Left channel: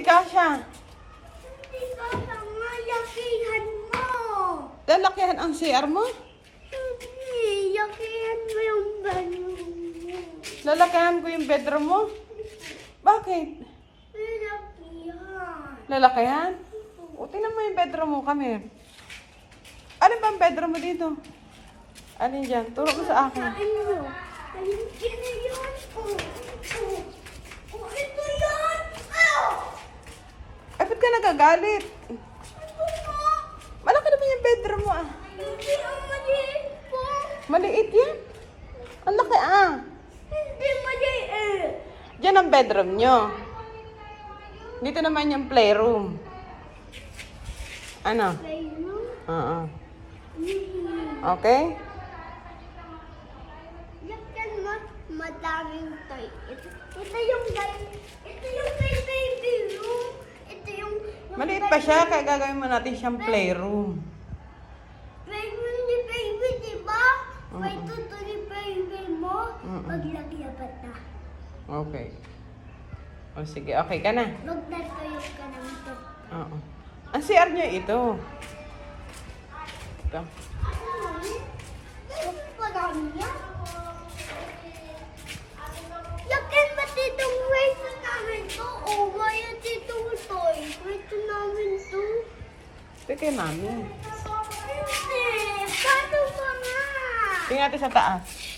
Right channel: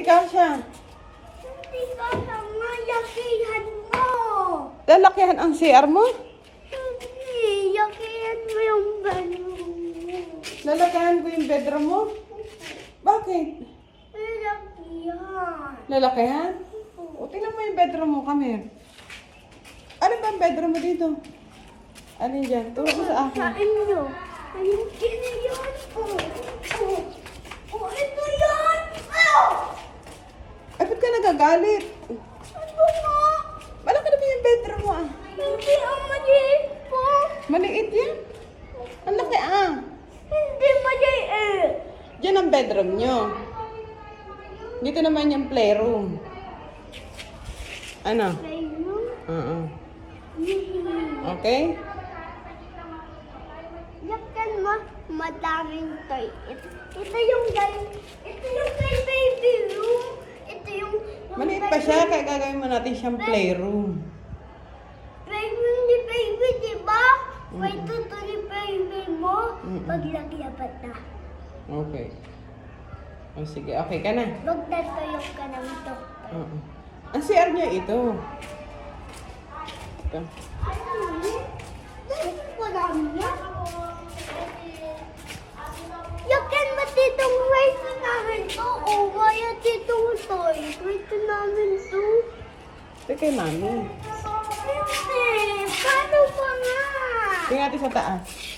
hindi kasha? Hindi ka nga yakihan mo. Lalakihan ang CR mo? Hindi, mo yung bedroom mo. Lalakihan ko yung bedroom mo? Bakit? Yakihan. Lalakihan? O, tingnan mo yung bedroom mo, kami. Ano ba ang bedroom mo dito? Alin dyan? Turo mo sa akin. Saan nyo? Ayun, ito yun. Oh, nagagalit? Ano nga? Malaki naman yung bedroom mo ah. Hindi ang maliit po. Maliit yan. Ang laki ah. Hindi maliit. Diyan ang bedroom nyo. Dito naman yung playroom. Ano? Playroom? Oo. Hmm. Okay? Laktan mo, madaming toy. Ito, ito yung guys, ito yung may baby room. Ito yung... Maliit pa siya, kaya gagawin mo natin siyang playroom. Playroom ni baby, di ba? May Mm-mm. tuto ni baby mo. Mm-mm. Paglagyapat na. Okay. O sige, okay ka na. Magdatayo ka ng to. Oo. Ang CR niya ito. Ito. Kay mami. Paano pa nga? Tingnan natin sa taas.